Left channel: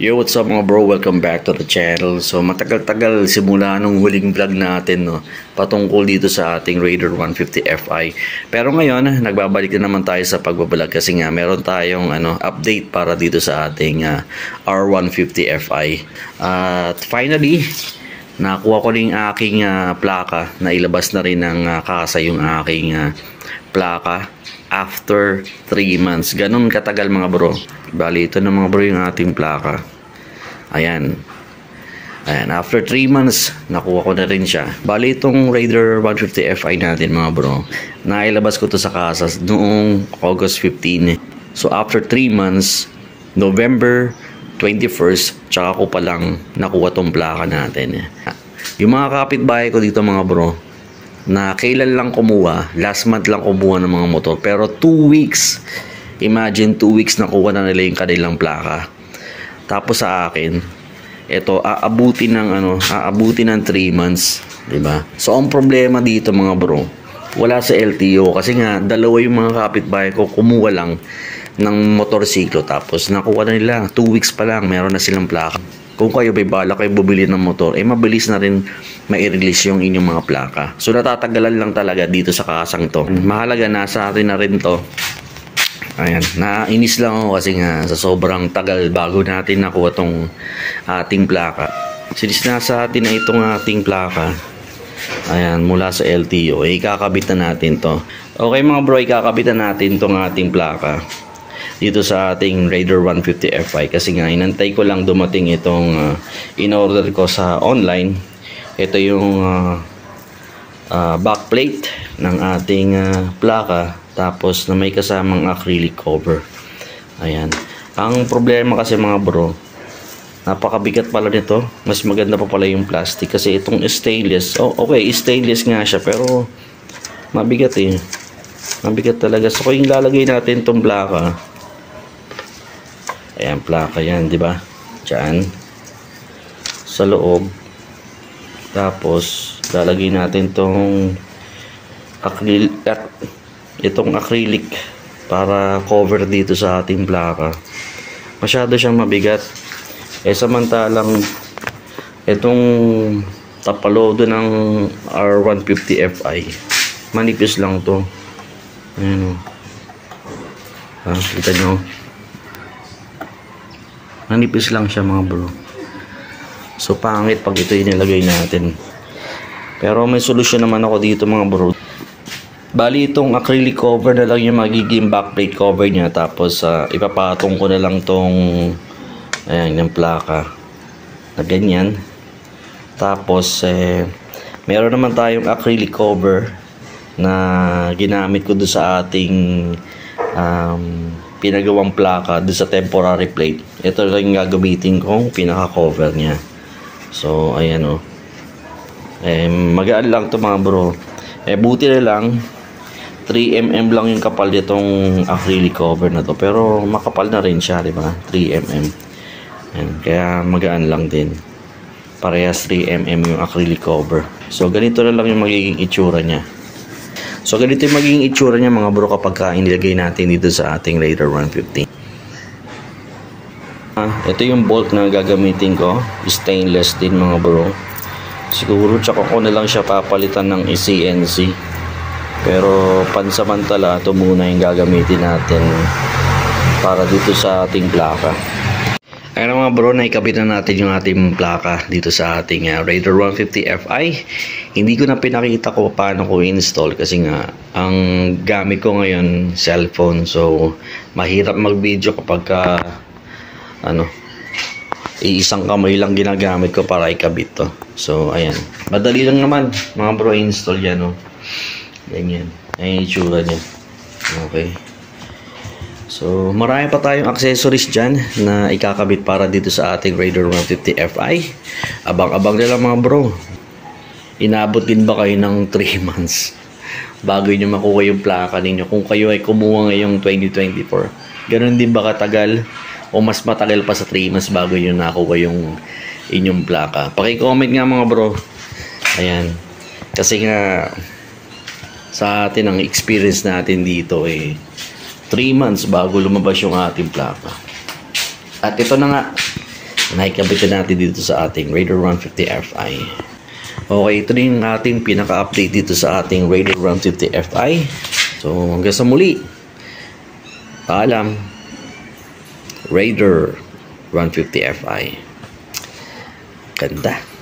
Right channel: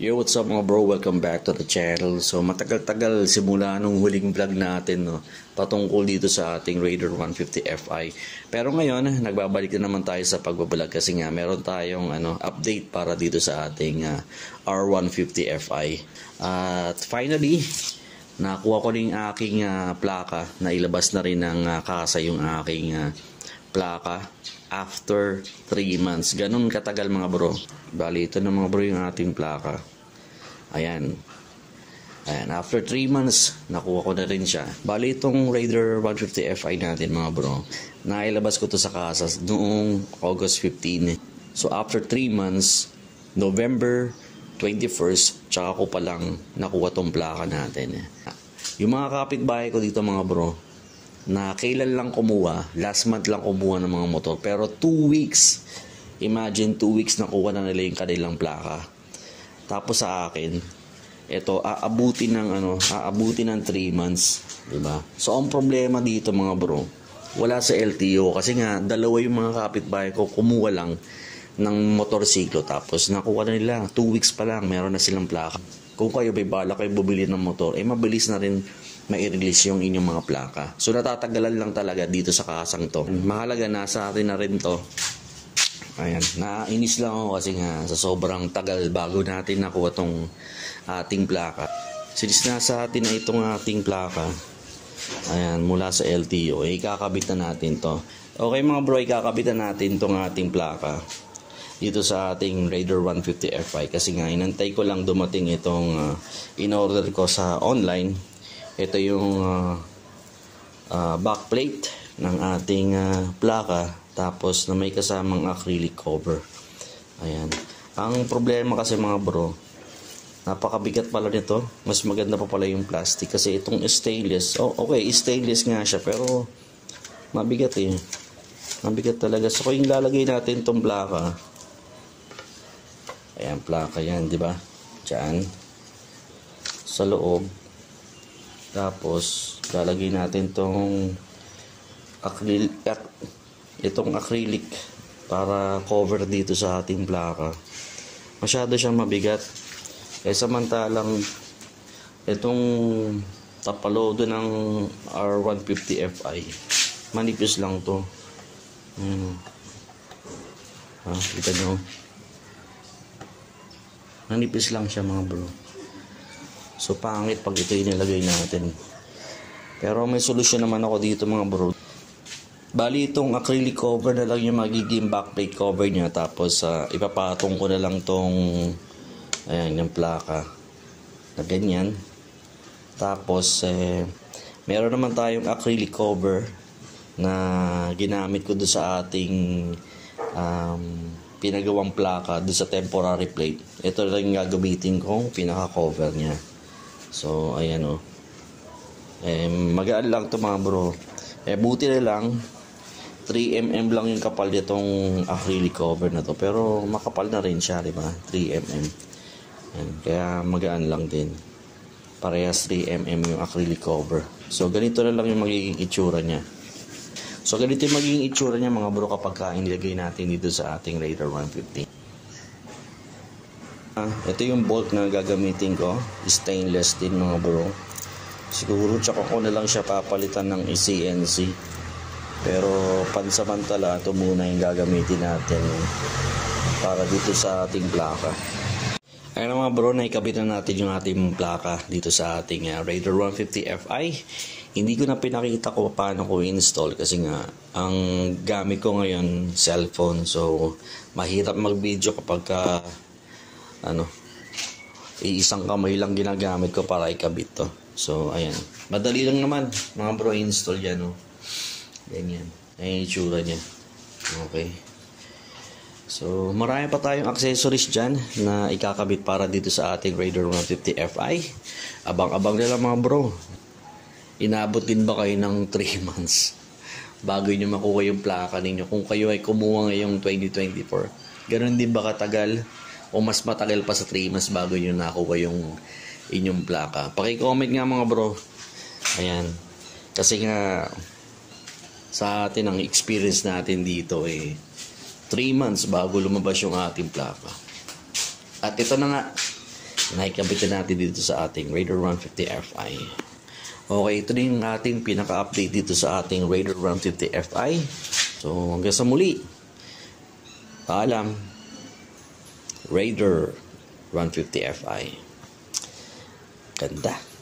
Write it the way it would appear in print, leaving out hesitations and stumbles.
Yo, what's up mga bro? Welcome back to the channel. So matagal-tagal simula nung huling vlog natin, no, patungkol dito sa ating Raider 150 Fi. Pero ngayon, nagbabalik na naman tayo sa pagbablog kasi nga meron tayong update para dito sa ating R150 Fi. At finally, nakuha ko rin aking plaka. Nailabas na rin ng kasa yung aking plaka after 3 months. Ganun katagal mga bro. Bali, ito na mga bro yung ating plaka. Ayan. After 3 months, nakuha ko na rin siya. Bali, itong Raider 150 Fi natin mga bro, nailabas ko to sa kasas noong August 15. So, after 3 months, November 21st, tsaka ko palang nakuha tong plaka natin. Yung mga kapitbahay ko dito mga bro, na kailan lang kumuha, last month lang kumuha ng mga motor. Pero 2 weeks, imagine 2 weeks nakuha na nila yung kanilang plaka. Tapos sa akin, ito aabutin ng 3 months, 'di ba? So ang problema dito mga bro, wala sa LTO kasi nga dalawa yung mga kapitbahay ko kumuha lang ng motorsiklo tapos nakuha na nila 2 weeks pa lang meron na silang plaka. Kung kayo may bala kayo bumili ng motor, mabilis na rin mai-release yung inyong mga plaka. So natatagalan lang talaga dito sa kasang to. Mahalaga nasa atin na rin to. Ayan, nainis lang ako kasi nga sa sobrang tagal bago natin nakuha tong ating plaka. Since nasa atin na itong ating plaka, ayan, mula sa LTO, ikakabit na natin to. Okay mga bro, ikakabit na natin tong ating plaka dito sa ating Raider 150 Fi kasi nga inantay ko lang dumating itong in-order ko sa online. Ito yung backplate ng ating plaka tapos na may kasamang acrylic cover. Ayan. Ang problema kasi mga bro, napakabigat pala nito. Mas maganda pa pala yung plastic kasi itong stainless, okay, stainless nga siya pero mabigat eh. Mabigat talaga. So kung lalagay natin itong plaka, ayan, plaka yan, di ba? Diyan sa loob. Tapos lalagay natin itong acrylic para cover dito sa ating plaka. Masyado siyang mabigat. Samantalang itong tapalodo ng R150 Fi, manipis lang to. Ayan o. Kita nyo. Manipis lang siya mga bro. So pangit pag ito inilagay natin. Pero may solusyon naman ako dito mga bro. Bali itong acrylic cover na lang yung magiging backplate cover niya. Tapos ipapatong ko na lang tong ayan, yung plaka na ganyan. Tapos meron naman tayong acrylic cover na ginamit ko doon sa ating pinagawang plaka doon sa temporary plate. Ito lang yung gagamitin kong pinaka cover niya. So ayan o. Magaan lang to mga bro. Buti na lang 3mm lang yung kapal nitong acrylic cover na to. Pero makapal na rin siya, di ba? 3mm. Ayan, kaya magaan lang din. Parehas 3mm yung acrylic cover. So ganito na lang yung magiging itsura niya. So ganito yung magiging itsura niya mga bro kapag inilagay natin dito sa ating Raider 150. Ito yung bolt na gagamitin ko. Stainless din mga bro. Siguro tsaka ko na lang siya papalitan ng CNC. Pero pansamantala ito muna yung gagamitin natin para dito sa ating plaka. Ayun mga bro, naikabit na natin yung ating plaka dito sa ating Raider 150 Fi. Hindi ko na pinakita ko paano ko install kasi nga ang gamit ko ngayon cellphone. So mahirap mag video kapag iisang kamay lang ginagamit ko para ikabit to. So ayan, madali lang naman mga bro install yan o. Ganyan, ayan yung itsura niya. Okay. So marami pa tayong accessories dyan na ikakabit para dito sa ating Raider 150 Fi. Abang-abang nila mga bro. Inabot din ba kayo ng 3 months bago nyo makuha yung plaka ninyo kung kayo ay kumuha ngayong 2024? Ganun din ba katagal o mas matagal pa sa 3 months bago nyo nakuha yung inyong plaka? Paki-comment nga mga bro. Ayan, kasi nga sa atin ang experience natin dito 3 months bago lumabas yung ating plaka. At ito na nga, nakikabit natin dito sa ating Raider 150 Fi. Okay, ito na yung ating pinaka-update dito sa ating Raider 150 Fi. So, hanggang sa muli. Paalam. Raider 150 Fi. Ganda.